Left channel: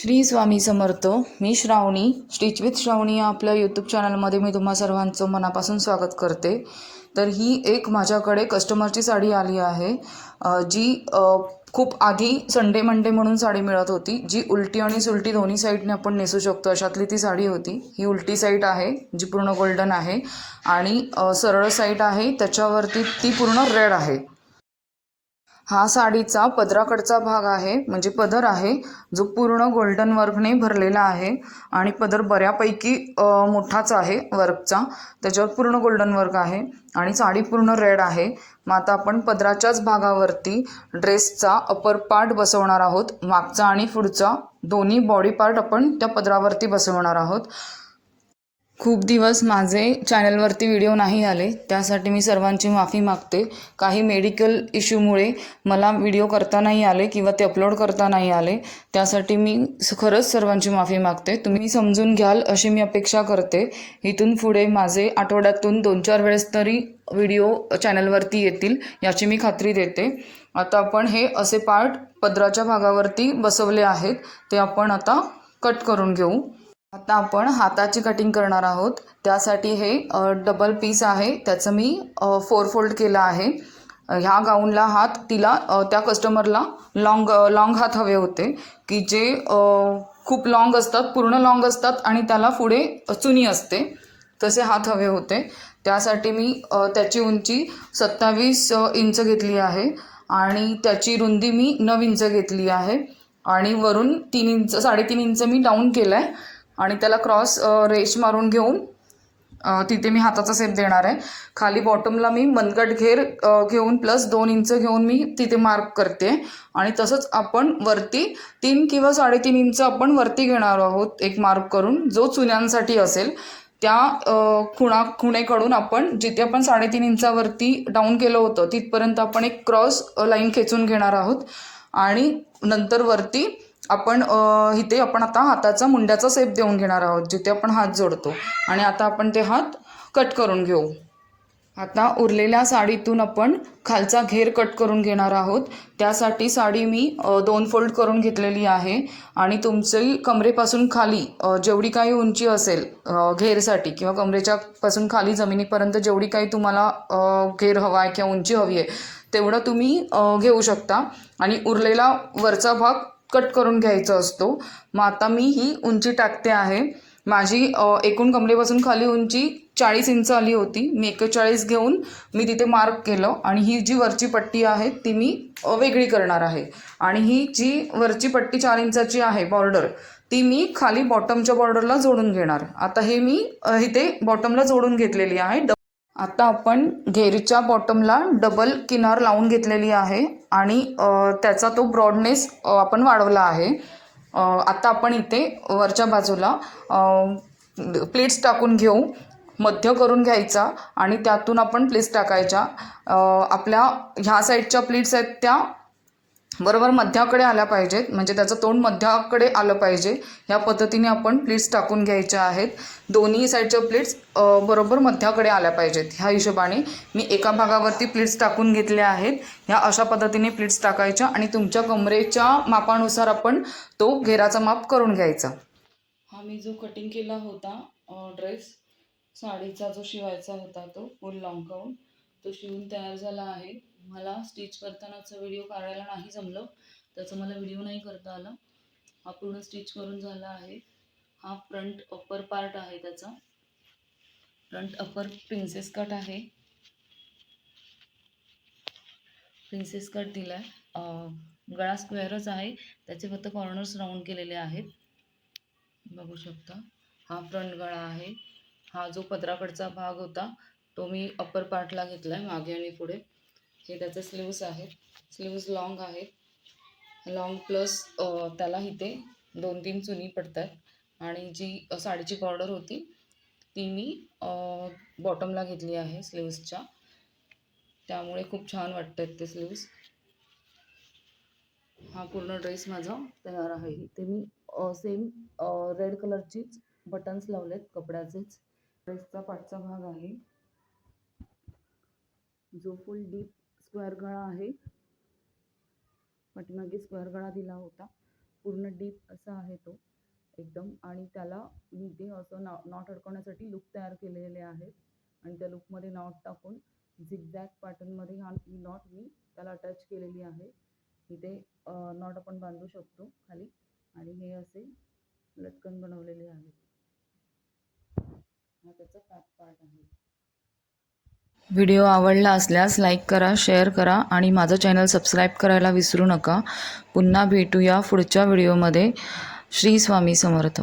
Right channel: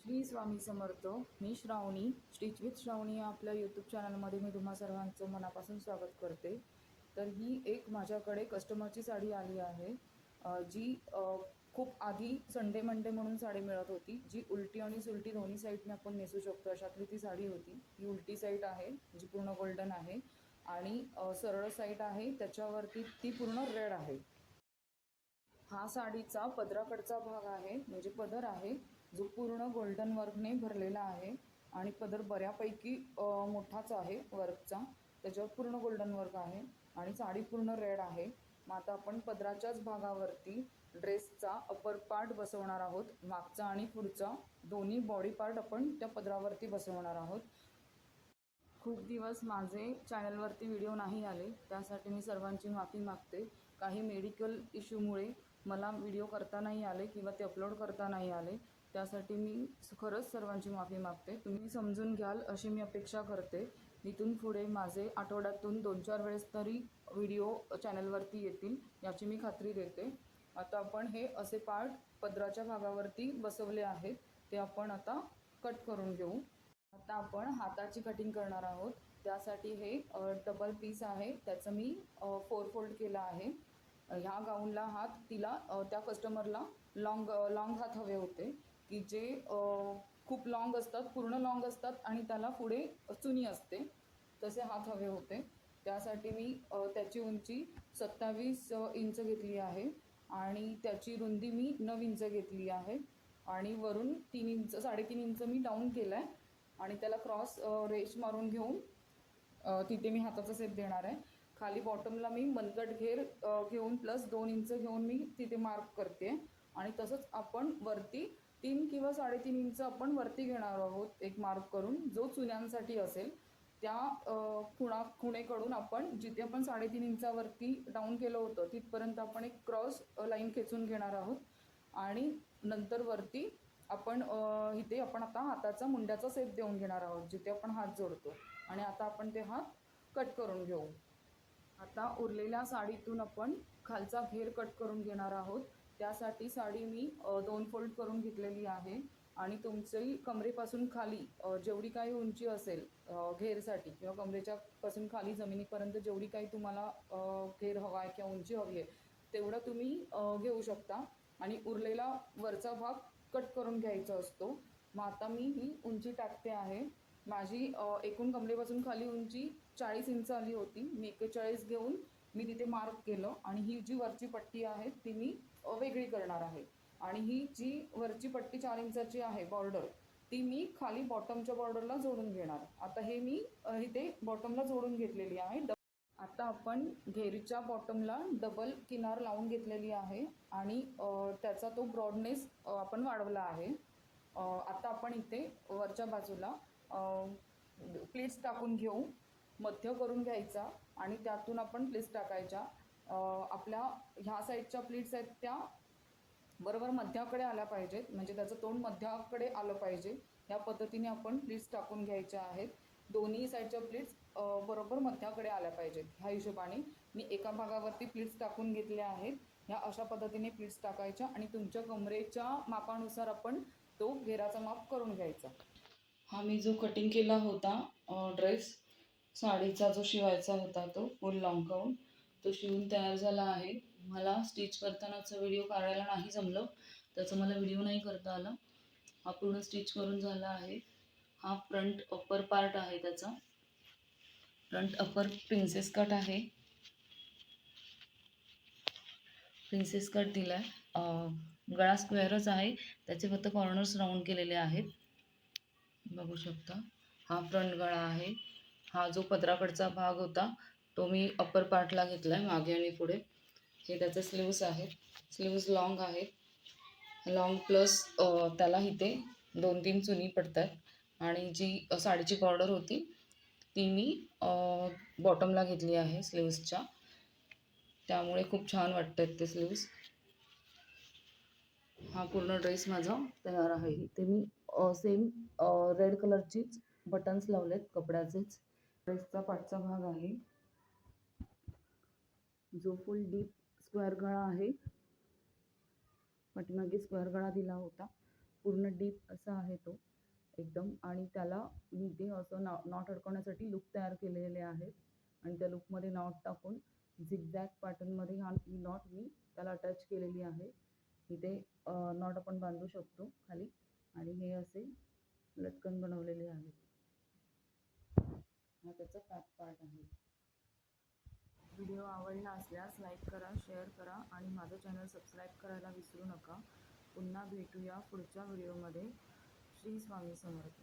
श्री स्वामी समर्थ. मी Shravani, stitch with Shravani या आपल्या यूट्यूब चॅनलमध्ये मी तुम्हा सर्वांचं मनापासून स्वागत करते. तर ही एक माझ्याकडे कस्टमरची साडी आली आहे, जी खूप आधी संडे मंडे म्हणून साडी मिळत होती, जी उलटी आणि सुलटी दोन्ही साईडने आपण नेसू शकतो अशातली ती साडी होती. ही उलटी साईड आहे जी पूर्ण गोल्डन आहे आणि सरळ साईड आहे त्याच्यावरती ती पूर्ण रेड आहे. हा साडीचा पदराकडचा भाग आहे, म्हणजे पदर आहे जो पूर्ण गोल्डन वर्कने भरलेला आहे आणि पदर बऱ्यापैकी मोठाच आहे वर्कचा. त्याच्यावर पूर्ण गोल्डन वर्क आहे आणि साडी पूर्ण रेड आहे. मग आता आपण पदराच्याच भागावरती ड्रेसचा अपर पार्ट बसवणार आहोत. मागचा आणि पुढचा दोन्ही बॉडी पार्ट आपण त्या पदरावरती बसवणार आहोत. खूप दिवस माझे चॅनलवरती व्हिडिओ नाही आले, त्यासाठी मी सर्वांची माफी मागते. काही मेडिकल इश्यूमुळे मला व्हिडिओ करता नाही आले किंवा ते अपलोड करता नाही आले, त्यासाठी मी खरंच सर्वांची माफी मागते. तुम्ही समजून घ्याल अशी मी अपेक्षा करते. इथून पुढे माझे आठवड्यातून 2-4 वेळेस तरी व्हिडिओ चॅनलवरती येतील याची मी खात्री देते. आता आपण हे असे पार्ट पदराच्या भागावरती बसवले आहेत, ते आपण आता कट करून घेऊ. आता आपण हाताची कटिंग करणार आहोत. त्यासाठी हे डबल पीस आहे, त्याचं मी 4 फोल्ड केलं आहे. ह्या गाऊनला हात तिला त्या कस्टमरला लॉंग हात हवे होते, की जे खूप लॉंग असतात, पूर्ण लॉंग असतात आणि त्याला पुढे चुनी असते, तसे हात हवे होते. त्यासाठी मी त्याची उंची 27 इंच घेतली आहे आणि त्याची रुंदी मी 9 इंच घेतली आहे आणि वरून 3 इंच 3.5 इंच मी डाऊन केलं आहे आणि त्याला क्रॉस रेष मारून घेऊन तिथे मी हाताचा शेप देणार आहे. खाली बॉटमला मी मनगट घेर घेऊन प्लस 2 इंच घेऊन मी तिथे मार्क करते आणि तसंच आपण वरती 3 किंवा 3.5 इंच आपण वरती घेणार आहोत एक मार्क करून, जो चुन्यांसाठी असेल. त्या खुणेकडून आपण जिथे आपण 3.5 इंचावरती डाऊन केलं होतं तिथपर्यंत आपण एक क्रॉस लाईन खेचून घेणार आहोत आणि नंतर वरती आपण इथे आपण आता हाताचा मुंड्याचा शेप देऊन घेणार आहोत जिथे आपण हात जोडतो. आणि आता आपण ते हात कट करून घेऊ. आता उरलेल्या साडीतून आपण खालचा घेर कट करून घेणार आहोत. त्यासाठी साडी मी 2 फोल्ड करून घेतलेली आहे आणि तुमची कमरेपासून खाली जेवढी काही उंची असेल घेरसाठी किंवा कमरेच्या पासून खाली जमिनीपर्यंत जेवढी काही तुम्हाला घेर हवा आहे किंवा उंची हवी आहे तेवढं तुम्ही घेऊ शकता आणि उरलेला वरचा भाग कट करून घ्यायचा असतो. मग आता मी ही उंची टाकते आहे. माझी एकूण कमरेपासून खाली उंची 40 इंच आली होती. मी 41 घेऊन मी तिथे मार्क केलं आणि ही जी वरची पट्टी आहे ती मी वेगळी करणार आहे आणि ही जी वरची पट्टी 4 इंचाची आहे बॉर्डर, ती मी खाली बॉटमच्या बॉर्डरला जोडून घेणार. आता हे मी इथे बॉटमला जोडून घेतलेली आहे. आता आपण घेरीच्या बॉटमला डबल किनार लावून घेतलेली आहे आणि त्याचा तो ब्रॉडनेस आपण वाढवला आहे. आता आपण इथे वरच्या बाजूला प्लेट्स टाकून घेऊ. मध्य करून घ्यायचा आणि त्यातून आपण प्लेट्स टाकायच्या. आपल्या ह्या साईडच्या प्लेट्स आहेत त्या बरोबर मध्याकडे आल्या पाहिजेत, म्हणजे त्याचं तोंड मध्याकडे आलं पाहिजे. ह्या पद्धतीने आपण प्लेट्स टाकून घ्यायच्या आहेत. दोन्ही साईडच्या प्लेट्स बरोबर मध्याकडे आल्या पाहिजेत. ह्या हिशोबाने मी एका भागावरती प्लेट्स टाकून घेतल्या आहेत. ह्या अशा पद्धतीने प्लेट्स टाकायच्या आणि तुमच्या कमरेच्या मापानुसार आपण तो घेराचा माप करून घ्यायचा. हा मी जो कटिंग केला होता ड्रेस साडीचा जो शिवायचा होता तो फुल लॉंग गाऊन, तो शिवून तयार झाला आहे. मला स्टिच करतानाचा व्हिडिओ काढायला नाही जमलं, त्याचा मला व्हिडिओ नाही करता आला. हा पूर्ण स्टिच करून झाला आहे. हा फ्रंट अप्पर पार्ट आहे, त्याचा फ्रंट अप्पर प्रिन्सेस कट आहे. प्रिन्सेस कट दिला आहे. गळा स्क्वेअरच आहे, त्याचे फक्त कॉर्नर्स राऊंड केलेले आहेत, बघू शकता. हा फ्रंट गळा आहे. हा जो पदराकडचा भाग होता तो मी अप्पर पार्टला घेतला आहे मागे आणि पुढे. हे त्याचे स्लीव्स आहेत. स्लीव्स लॉंग आहेत. लॉंग प्लस त्याला इथे 2-3 चुनी पडतात आणि जी साडीची बॉर्डर होती ती मी बॉटमला घेतली आहे स्लीव्सच्या, त्यामुळे खूप छान वाटतात ते स्लीव्स. हा पूर्ण ड्रेस माझा तयार आहे. इथे मी सेम रेड कलरचीच बटन्स लावलेत कपड्याचेच. ड्रेसचा पाठचा भाग आहे जो फुल डीप स्क्वेअर गळा आहे. पाठीमागे स्क्वेअर गळा दिला होता पूर्ण डीप असा आहे तो एकदम. आणि त्याला मी ते असं नॉट अडकवण्यासाठी लूप तयार केलेले आहेत आणि त्या लूपमध्ये नॉट टाकून झिगझॅग पॅटर्नमध्ये ही नॉट मी त्याला अटॅच केलेली आहे. इथे नॉट आपण बांधू शकतो खाली आणि हे असे लटकन बनवलेले आहेत. हा त्याचा बॅक पार्ट आहे. व्हिडिओ आवडला असल्यास लाईक करा, शेअर करा आणि माझं चॅनल सबस्क्राईब करायला विसरू नका. पुन्हा भेटूया पुढच्या व्हिडिओमध्ये. श्री स्वामी समर्थ.